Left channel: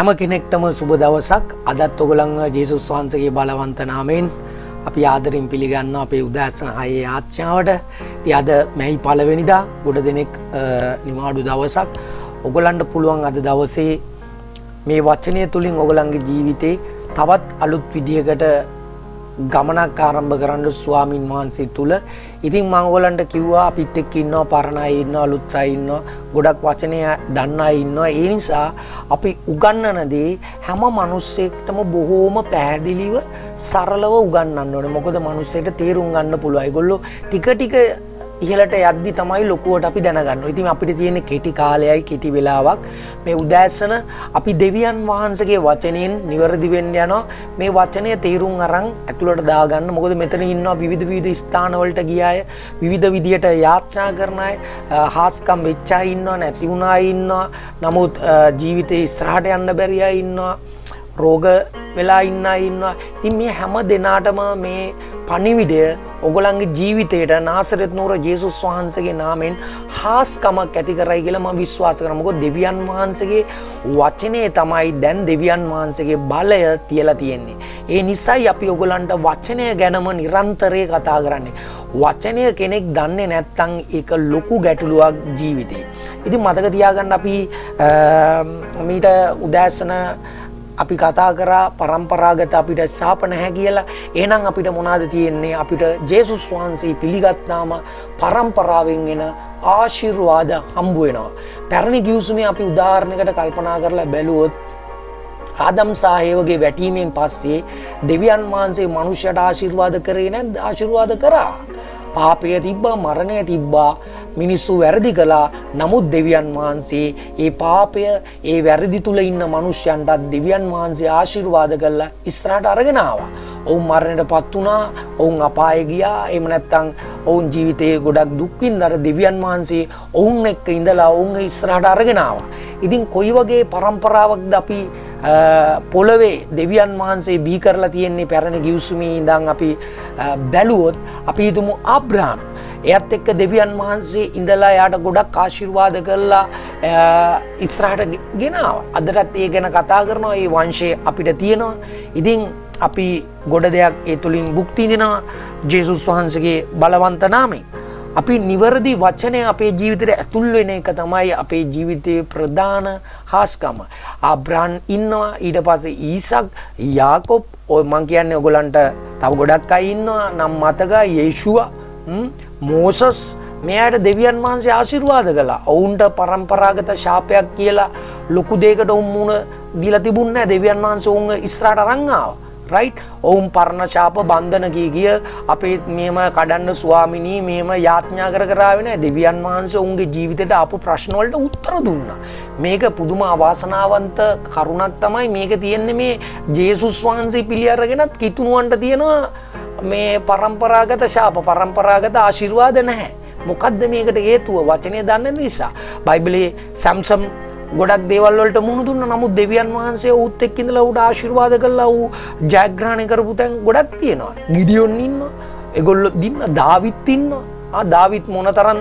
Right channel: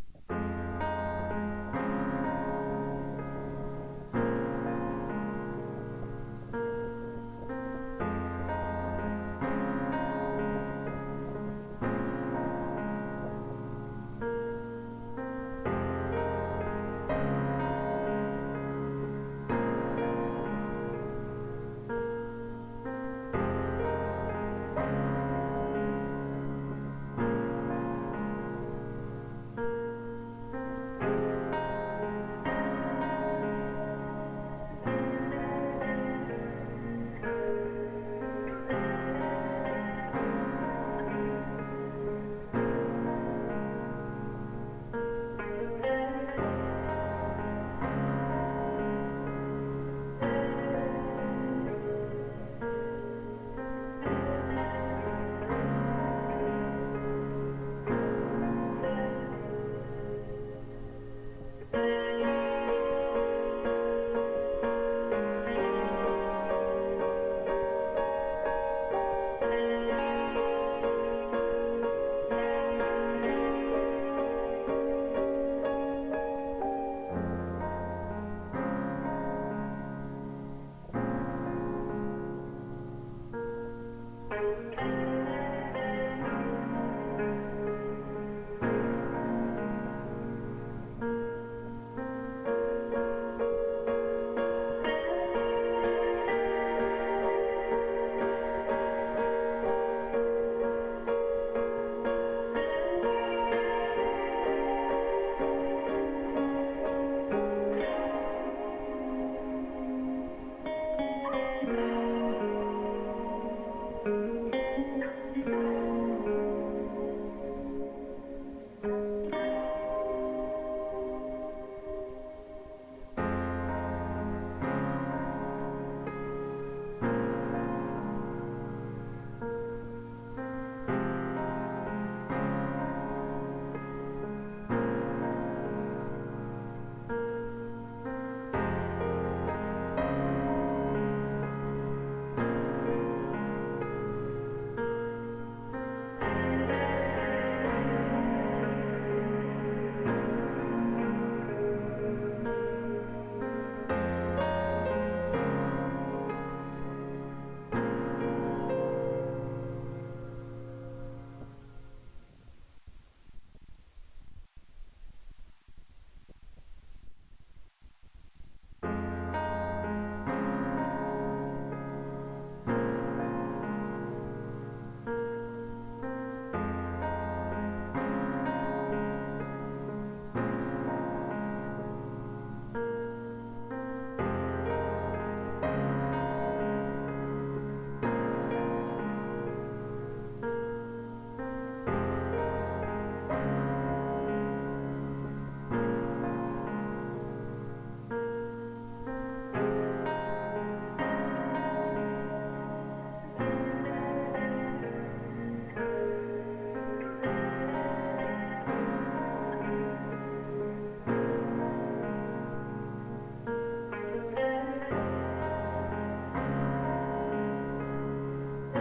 හැම කෙනෙක්ටම සුබ දවසක්. අදත් ඔයගොල්ලන්ව ජේසුස් වහන්සේගේ බලවන්ත නාමයෙන් අපි ආදරෙන් පිළිගන්නවා අපේ උදෑසන 6 යාච්ඤාවට. ඉතින් අද මැයි පළවෙනිදා ගොඩ දෙනෙක් නිවාඩු දවසක්. ඔයගොල්ලන්ට පුළුවන් අද දවසේ මේ වචනය තුලින් ඔයගොල්ලන්ගේ ජීවිතේ තවත් අලුත් විදියකට ගමනක් ආරම්භ කරන්න ස්වාමින් වහන්සේ තුල. ඉතින් මම ඔයගලන්ට කිව්වා අපිත් එක්ක ඉන්නවා පරණ අය ඉන්නවා අලුත් අය ඉන්නවා ගොඩක් වචනය දන්න අය ඉන්නවා. ඒ නිසා අපි උගන්වන දේ හැම මිනිස්සෙක්ටම බොහෝම පැහැදිලිව සරලව උගන්වන්න ඕනේ. මොකද මිනිස්සෙට තේරුම් ගන්න පුළුවන්. ඒගොල්ලෝ ටික ටික ඉහළට යද්දි තමයි ලොකුවට අපි දැනගන්න. ඉතින් අපිට තියෙන කෙටි කාලයයි කෙටි වෙලාවක්. මේ උදෑසන අපි දෙවියන් වහන්සේගේ වචනයෙන් නිවැරදි වෙන්න යනවා. මේ වචනය තේරුම් අරන් ඇතුළට දාගන්න. මොකද මෙතන ඉන්නවා විවිධ ස්ථාන වලට ගිය අය, විවිධ විදියට යාත්‍රා කරන අය, හාස්කම් වෙච්ච අය ඉන්නවා, නැති වුණ අය ඉන්නවා. නමුත් ජීවිතේ ඉස්සරහට යන්න බැරි අය ඉන්නවා. රෝග වෙලා ඉන්න අය ඉන්නවා. ඉතින් මේ හැම දිනාටම මේ පණිවිඩය ඔයගොල්ලන්ගේ ජීවිතේට නාසරෙත් නුවර ජේසුස් වහන්සේගේ නාමයෙන් හාස්කමක් ඇති කරයි කියලා මම විශ්වාස කරනවා. මොකද දෙවියන් වහන්සේගේ වචනේ තමයි දැන් දෙවියන් වහන්සේගේ බලය තියලා තියෙන්නේ. ඒ නිසායි අපි ඔයගොල්ලන්ට වචනය ගැනම නිරන්තරයෙන් කතා කරන්නේ. වචනය කෙනෙක් දන්නේ නැත්නම් ඒක ලොකු ගැටලුවක් ජීවිතේ. ඉතින් මතක තියාගන්න අපි මීට උදෑසන අපි කතා කරා පරම්පරාගත අපිට ශාප නැහැ කියලා. එහෙනම් අපිට මොනවද තියෙන්නේ? අපිට ජේසුස් වහන්සේ පිළිගත්තාම පරම්පරාවෙන් එන ආශිර්වාද හම්බ වෙනවා. පැරණි ගිවිසුමේ අපි උදාහරණයකට කල්පනා කරලා බැලුවොත් ආදම් සහ ඒවගේ වැටීමෙන් පස්සේ දෙවියන් වහන්සේ මනුෂ්‍යයට ආශිර්වාද කරේ නැද්ද? ආශිර්වාද කරා. පාපය තිබ්බා, මරණය තිබ්බා, මිනිස්සු වැරදි කළා. නමුත් දෙවියන් වහන්සේ ඒ පාපය, ඒ වැරදි තුල ඉන්න මනුෂ්‍යයන්ට දෙවියන් වහන්සේ ආශිර්වාද කළා ඉස්සරහට අරගෙන ආවා. ඔවුන් මරණයටපත් වුණා, ඔවුන් අපායේ ගියා. එහෙම නැත්නම් ඔවුන් ජීවිතේ ගොඩක් දුක් විඳලා දෙවියන් වහන්සේ ඔවුන් එක්ක ඉඳලා ඔවුන් ඉස්සරහට අරගෙන ආවා. ඉතින් කොයි වගේ පරම්පරාවක්ද අපි පොළවේ දෙවියන් වහන්සේ බිහි කරලා තියෙන්නේ? පැරණි ගිවිසුමේ ඉඳන් අපි බැලුවොත් අපි හිතමු අබ්‍රහම්. එයත් එක්ක දෙවියන් වහන්සේ ඉඳලා යාට ගොඩක් ආශිර්වාද කළා ඉස්සරහට ගෙනාවා. අදටත් ඒ ගැන කතා කරනවා. ඒ වංශය අපිට තියෙනවා. ඉතින් අපි ගොඩ දෙයක් ඒ තුලින් භුක්ති විඳිනවා ජේසුස් වහන්සේගේ බලවන්ත නාමයෙන්. අපි නිවැරදි වචනය අපේ ජීවිතේට ඇතුල් වෙන එක තමයි අපේ ජීවිතයේ ප්‍රධාන හාස්කම. අබ්‍රහම් ඉන්නවා, ඊට පස්සේ ඊසක්, යාකොබ්, ඔය මං කියන්නේ ඔයගලන්ට තව ගොඩක් අය ඉන්නවා නම් මතකයි. යේෂුවා, මෝසස්, මෙයාට දෙවියන් වහන්සේ ආශිර්වාද කළා. ඔවුන්ට පරම්පරාගත ශාපයක් කියලා ලොකු දෙයකට උන් මුණ දීලා තිබුණේ නැහැ. දෙවියන් වහන්සේ උන් ඉස්සරහට අරන් ආවා. රයිට්. ඔවුන් පරණ ශාප බන්ධන ගිය අපේ මෙහෙම කඩන්න ස්වාමිනී මෙහෙම යාඥා කර ආවේ නැහැ. දෙවියන් වහන්සේ උන්ගේ ජීවිතේට ආපු ප්‍රශ්න වලට උත්තර දුන්නා. මේක පුදුම අවාසනාවන්ත කරුණක් තමයි මේක තියෙන්නේ. මේ ජේසුස් වහන්සේ පිළි අරගෙනත් කිතුණුවන්ට තියෙනවා මේ පරම්පරාගත ශාප, පරම්පරාගත ආශිර්වාද නැහැ. මොකද්ද මේකට හේතුව? වචනේ දන්න නිසා. බයිබලයේ සම්සම් ගොඩක් දේවල් වලට මුහුණ දුන්නා. නමුත් දෙවියන් වහන්සේ ඌත් එක්ක ඉඳලා ඌට ආශිර්වාද කළා. ඌ ජයග්‍රහණය කරපු තැන් ගොඩක් තියෙනවා. ගිඩියොන් ඉන්නවා. ඒගොල්ලෝ දින්න දාවිත් ඉන්නවා. දාවිත් මොනතරම්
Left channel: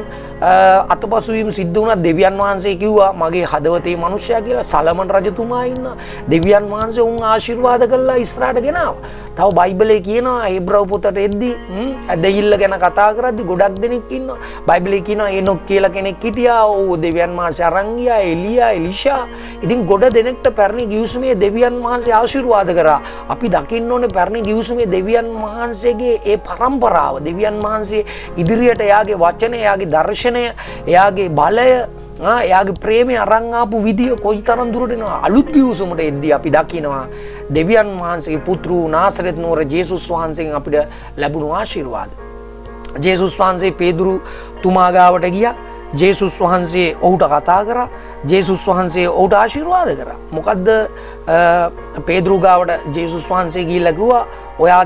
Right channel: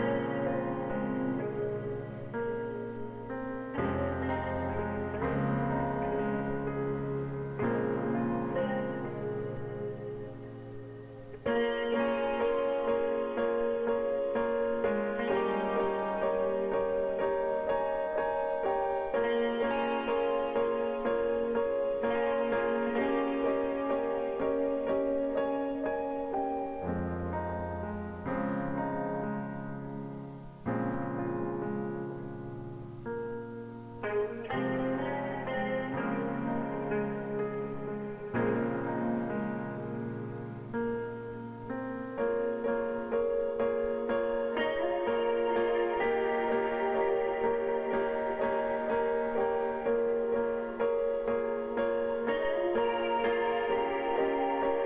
අතපසුවීම සිද්ධ වුණා. දෙවියන් වහන්සේ කිව්වා මගේ හදවතේ මිනිසයා කියලා. සලමන් රජතුමා ඉන්නවා. දෙවියන් වහන්සේ උන් ආශිර්වාද කළා ඉස්සරහට ගෙනාවා. තව බයිබලයේ කියනවා හේබ්‍රව පොතට එද්දි දෙයිල්ල ගැන කතා කරද්දි ගොඩක් දෙනෙක් ඉන්නවා. බයිබලයේ කියනවා එනොක් කියලා කෙනෙක් හිටියා. ඕ දෙවියන් වහන්සේ අරන් ගියා. එලියා, එලිෂා. ඉතින් ගොඩ දෙනෙක්ට පැරණි ගිවිසුමේ දෙවියන් වහන්සේ ආශිර්වාද කරා. අපි දකින්න ඕනේ පැරණි ගිවිසුමේ දෙවියන් වහන්සේගේ ඒ පරම්පරාව. දෙවියන් වහන්සේ ඉදිරියට එයාගේ වචනය, එයාගේ දර්ශනය, එයාගේ බලය, එයාගේ ප්‍රේමය අරන් ආපු විදිය කොයිතරම් දුරට යනවා. අලුත් ගිවිසුමට එද්දී අපි දකිනවා දෙවියන් වහන්සේගේ පුත්‍ර නාසරෙත් නුවර ජේසුස් වහන්සේගෙන් අපිට ලැබුණු ආශිර්වාද. ජේසුස් වහන්සේ පේදුරු තුමා ගාවට ගියා. ජේසුස් වහන්සේ ඔහුට කතා කරා. ජේසුස් වහන්සේ ඔහුට ආශිර්වාද කරා. මොකද්ද පේදුරු ගාවට ජේසුස් වහන්සේ ගිහිල්ලා කිව්වා ඔයා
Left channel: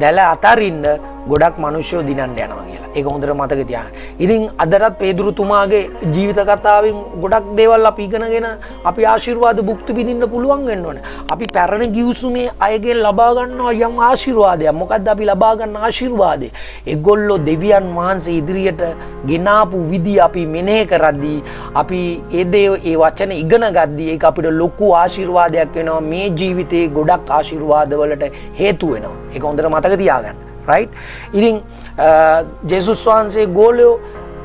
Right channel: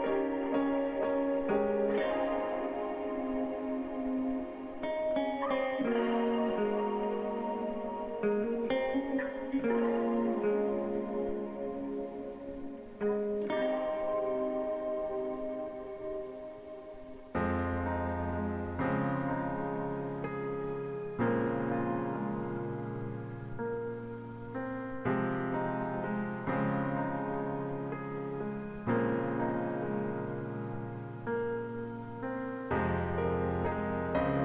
දැල අතරින්න ගොඩක් මිනිස්සු දිනන්න යනවා කියලා. ඒක හොඳට මතක තියාගන්න. ඉතින් අදටත් පේදුරුතුමාගේ ජීවිත කතාවෙන් ගොඩක් දේවල් අපි ඉගෙනගෙන අපි ආශිර්වාද භුක්ති විඳින්න පුළුවන් වෙන්න ඕනේ. අපි පැරණි ගිවිසුමේ අයගෙන් ලබා ගන්නවා යම් ආශිර්වාදයක්. මොකද්ද අපි ලබා ගන්න ආශිර්වාදය? ඒගොල්ලෝ දෙවියන් වහන්සේ ඉදිරියට ගෙනාපු විදිය අපි මෙනෙහි කරද්දී අපි ඒ වචන ඉගෙන ගද්දී ඒක අපිට ලොකු ආශිර්වාදයක් වෙනවා. මේ ජීවිතේ ගොඩක් ආශිර්වාද වලට හේතු වෙනවා. ඒක හොඳට මතක තියාගන්න. right? ඉතින් ජේසුස් වහන්සේ ගෝලයෝ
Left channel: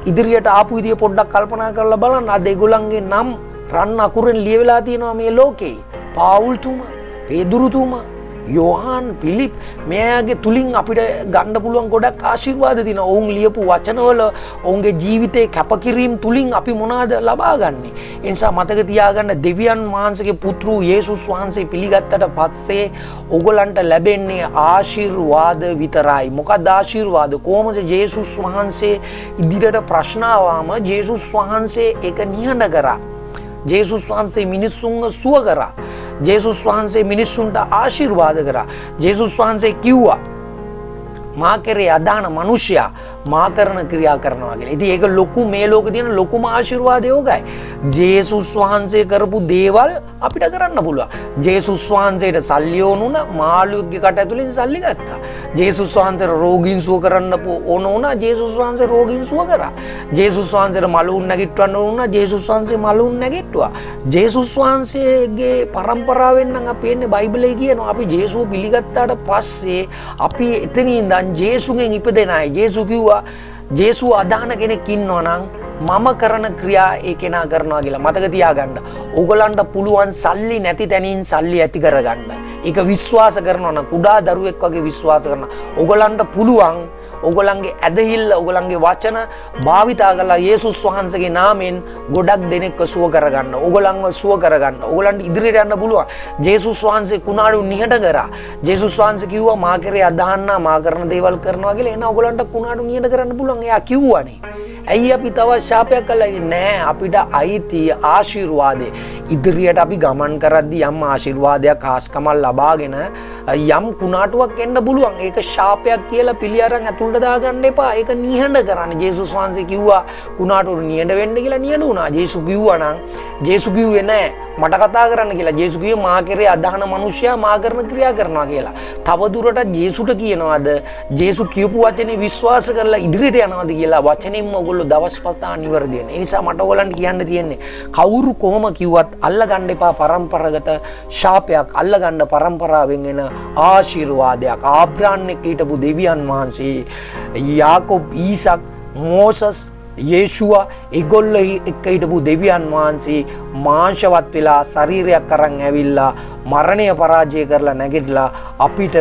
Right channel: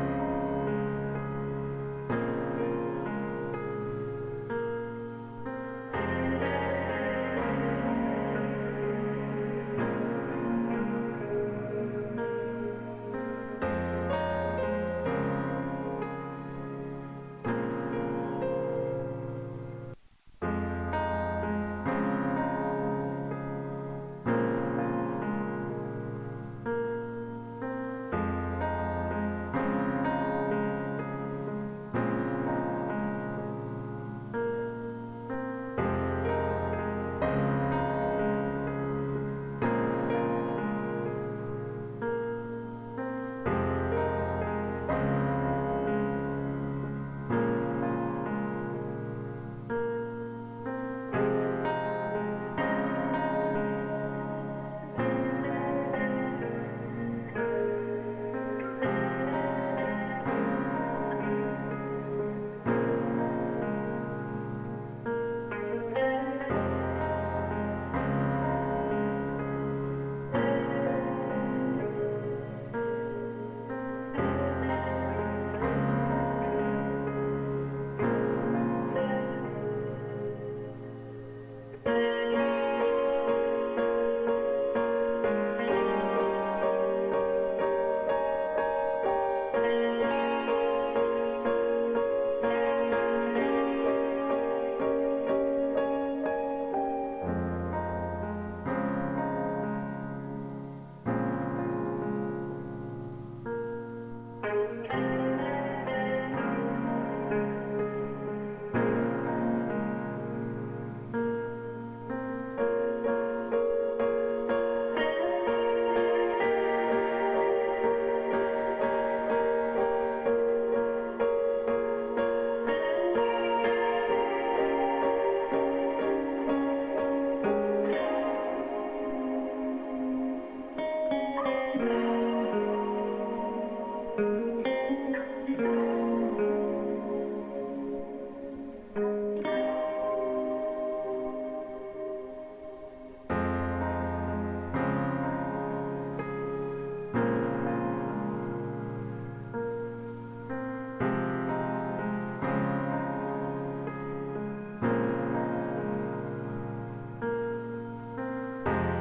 ඉදිරියට ආපු විදිය පොඩ්ඩක් කල්පනා කරලා බලන්න. අද ඒගොල්ලන්ගේ නම් රන් අකුරෙන් ලියවිලා තියෙනවා මේ ලෝකේ. පාවුල්තුමා, පේදුරුතුමා, යෝහාන්, පිලිප් මෙයාගේ තුලින් අපිට ගන්න පුළුවන් ගොඩක් ආශිර්වාද තියෙනවා. ඔවුන් ලියපු වචනවල ඔවුන්ගේ ජීවිතේ කැපකිරීම තුලින් අපි මොනවාද ලබා ගන්නෙ? ඒ නිසා මතක තියාගන්න දෙවියන් වහන්සේගේ පුත්‍රු යේසුස් වහන්සේ පිළිගත්තට පස්සේ ඔයගලන්ට ලැබෙන්නේ ආශිර්වාද විතරයි. මොකක්ද ආශිර්වාද? කොහොමද යේසුස් වහන්සේ ඉදිරියට ප්‍රශ්න ආවම යේසුස් වහන්සේ ඒක නිහඬ කරා. ජේසුස් වහන්සේ මිනිස්සුන්ව සුව කරා. ජේසුස් වහන්සේ මිනිස්සුන්ට ආශිර්වාද කරා. ජේසුස් වහන්සේ කිව්වා මා කෙරේ අදාන මනුෂ්‍යයා මා කරන ක්‍රියා කරනවා කියලා. ඉතින් ඒක ලොකු මේ ලෝකේ තියෙන ලොකුම ආශිර්වාදය ඕකයි. ජේසුස් වහන්සේ කරපු දේවල් අපිට කරන්න පුළුවන්. ජේසුස් වහන්සේට සල්ලි ඕනුණා මාළුවෙක්ගේ කට ඇතුලෙන් සල්ලි ගත්තා. ජේසුස් වහන්සේට රෝගීන් සුව කරන්න ඕන වුණා. ජේසුස් වහන්සේ රෝගීන් සුව කරා. ජේසුස් වහන්සේට මලුන් නැගිටවන්න ඕන වුණා. ජේසුස් වහන්සේ මලුන් නැගිට්ටුවා. ජේසුස් වහන්සේගේ පරම්පරාවෙන් නම් අපි එන්නේ බයිබලයේ කියනවා අපි ජේසුව පිළිගත්තාට පස්සේ අපි එතනින් ඉඳන් ජේසුගෙන් ඉපදෙන අය. ජේසු කිව්වා ජේසුව අදහන කෙනෙක් ඉන්නවා නම් මම කරන ක්‍රියා ඒ කෙනා කරනවා කියලා. මතක තියාගන්න. ඕගලන්ට පුළුවන් සල්ලි නැති තැනින් සල්ලි ඇති කරගන්න. ඒක විශ්වාස කරනවා නම් කුඩා දරුවෙක් වගේ විශ්වාස කරනවා. ඕගලන්ට පුළුවන් ඔගොල්ලන්ගේ ඇදහිල්ල ඔගොල්ලන්ගේ වචන භාවිතා කරලා යේසුස් වහන්සේගේ නාමයෙන් ගොඩක් දෙනෙක්ව සුව කරගන්න. ඔගොල්ලන්ව සුව කරගන්න. ඔගොල්ලන්ට ඉදිරියට යන්න පුළුවන්. ජේසුස් වහන්සේ කුණාඩු නිහඬ කරා. ජේසුස් වහන්සේ කිව්වා මා කෙරේ අදහන්න මා කරන දේවල් කරනවා කියලා. එහෙනම් ඔගොල්ලන්ට කුණාඩු නිහඬ කරන්න පුළුවන්. එයා කිව්වනේ. ඇයි අපි තව ශාපයක් කළා නෑ? අපිට අයිති ආශිර්වාදේ. ඉදිරියට අපි ගමන් කරද්දී යම් ආශිර්වාදයක් ආස්කමල් ලබාගෙන යම් කුණාටුවක් එන්න පුළුවන්. ඒක ශාපයක් කියලා පිළි අරන් ඇතුළට දාගන්න එපා. ඒක නිහඬ කරන්න. ජේසුස් වහන්සේ කිව්වා කුණාටුවට නිහඬ වෙන්න කියලා නිහඬ වුණා. ජේසු කිව්වා නම් ජේසු කිව්වේ නෑ මට කතා කරන්න කියලා. ජේසු කිව්වේ මා කෙරේ අදහන මිනිසයා මා කරන ක්‍රියා කරනවා කියලා. තව දුරටත් ජේසුට කියනවාද ජේසු කියපු වචනේ විශ්වාස කරලා ඉදිරියට යනවාද කියලා වචනෙන්ම ඔයගොල්ලෝ දවස් පතා නිවැරදි වෙන. ඒ නිසා මට ඔයගලන්ට කියන්න තියෙන්නේ කවුරු කොහොම කිව්වත් අල්ලගන්න එපා පරම්පරාගත ශාපයක්. අල්ලගන්න පරම්පරාවෙන් එන ආශිර්වාදයක්. ආබ්‍රහම් එක්ක හිටපු දෙවියන් වහන්සේ, යාකෝබ්, ඊසක්, මෝසස්, යේෂුවා ඒගොල්ලෝ එක්ක හිටපු දෙවියන් වහන්සේ මාංශවත් වෙලා ශරීරයක් අරන් ඇවිල්ලා මරණය පරාජය කරලා නැගිටලා අපිට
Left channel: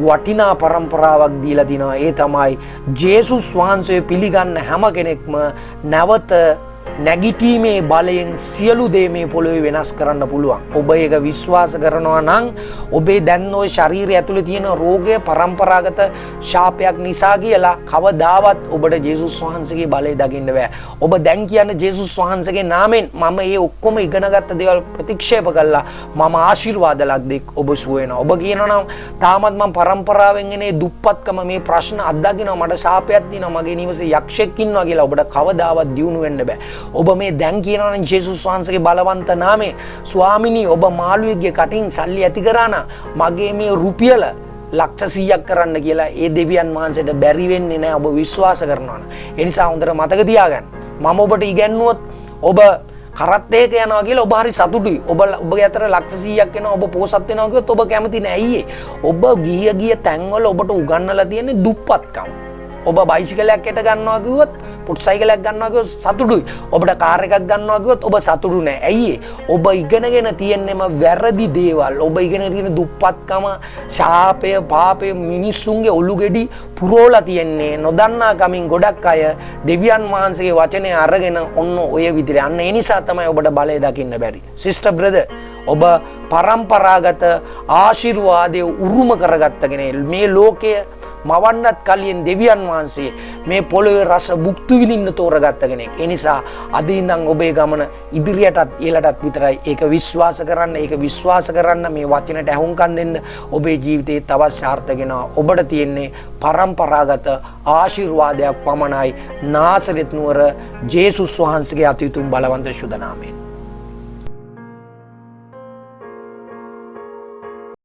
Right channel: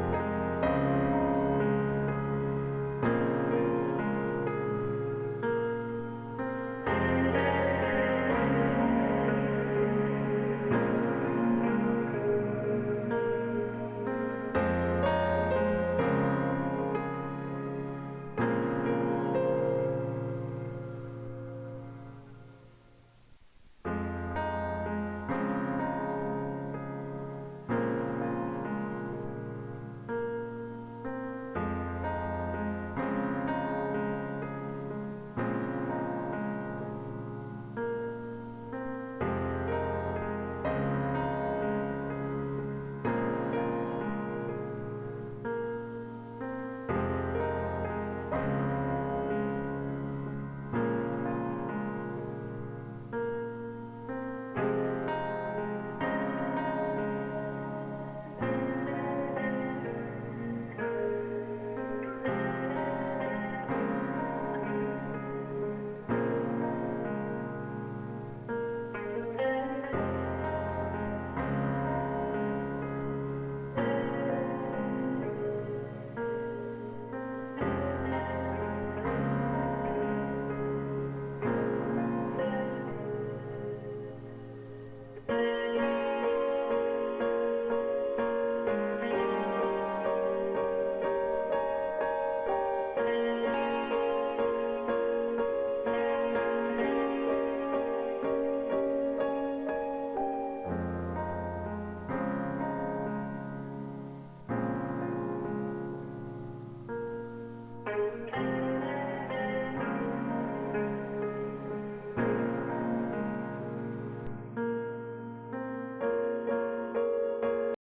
වටිනා පරම්පරාවක් දීලා තිනවා. ඒ තමයි ජේසුස් වහන්සේ පිළිගන්න හැම කෙනෙක්ම නැවත නැගිටීමේ බලයෙන් සියලු දේ මේ පොළොවේ වෙනස් කරන්න පුළුවන්. ඔබ ඒක විශ්වාස කරනවා නම් ඔබේ දැන් ওই ශරීරය ඇතුලේ තියෙන රෝගය පරම්පරාගත ශාපයක් නිසා කියලා කවදාවත් ඔබට ජේසුස් වහන්සේගේ බලය දකින්න බෑ. ඔබ දැන් කියන්නේ ජේසුස් වහන්සේගේ නාමයෙන් මම මේ ඔක්කොම ඉගෙනගත්ත දේවල් ප්‍රතික්ෂේප කළා මම ආශිර්වාද ලද්දෙක් ඔබ සුව වෙනවා. ඔබ කියනවා නම් තාමත් මම පරම්පරාවෙන් එනේ දුප්පත්කම මේ ප්‍රශ්න අත්දකින්නවා මට ශාපයක් තියෙනවා මගේ නිවසේ යක්ෂයෙක් ඉන්නවා කියලා ඔබට කවදාවත් දියුණු වෙන්න බෑ. ඔබ මේ දැන් කියනවනේ ජේසුස් වහන්සේගේ බලවන්ත නාමයෙන් ස්වාමිනී ඔබ මාළුවෙක්ගේ කටින් සල්ලි ඇති කරා නම් මගේ මේ රුපියල ලක්ෂ 100ක් කරන්න කියලා ඒ දෙවියන් වහන්සේට බැරි වෙන්නේ නැහැ ඔබ විශ්වාස කරනවා නම්. ඒ නිසා හොඳට මතක තියාගන්න. මම ඔබට ඉගැන්නුවොත් ඔබ කරත් ඒක යනවා කියලා ඔබ හරි සතුටුයි. ඔබගේ අතර ලක්ෂ 100ක් එනවා ඔබ පෝසත් වෙනවා කිව්වොත් ඔබ කැමති නෑ. අයියේ ඔබ ගිය තැන්වල ඔබට උගන්වලා තියෙන්නේ දුප්පත්කම. ඔබ බයිසිකලයක් එට ගන්නවා කිව්වොත් පුට්සයිකලයක් ගන්නවා කිව්වොත් සතුටුයි. ඔබට කාර් එකක් ගන්නවා කිව්වොත් ඔබ සතුටු නෑ. ඇයි ඔබ ඉගෙනගෙන තියෙන්නේම වැරදි දේවල්. ඔබ ඉගෙන තියෙන දුප්පත්කම, ශාපය, පාපය මිනිස්සුන්ගේ ඔලු ගෙඩි පුරෝලා තියන්නේ නොදන්නා කමින් ගොඩක් අය දෙවියන් වහන්සේගේ වචනේ අරගෙන ඔන්න ඔය විදිහට. අන්න ඒ නිසා තමයි ඔබට බලය දකින්න බැරි. සිස්ටර් බ්‍රදර් ඔබ පරම්පරාගත ආශිර්වාදයේ උරුම කරගත්ත කෙනෙක්. මේ ලෝකයේ මවන්නත් කලින් දෙවියන් වහන්සේ මේ පොළොවේ රස භුක්ති විඳින්න තෝරගත්ත කෙනෙක්. ඒ නිසා අද ඉඳන් ඔබේ ගමන ඉදිරියටත් ඉහළටත් විතරයි. ඒක විශ්වාස කරන්න, ඒක විශ්වාස කරන්න, මේ වචනට ඇහුම්කන් දෙන්න. ඔබේ ජීවිතේ තවත් සාර්ථක වෙනවා. ඔබට තියෙන්නේ පරම්පරාගත ආශිර්වාදයක් පමණයි. නාසරෙත් නුවර ජේසුස් වහන්සේගේ අතිඋතුම් බලවන්ත සුද නාමයෙන්.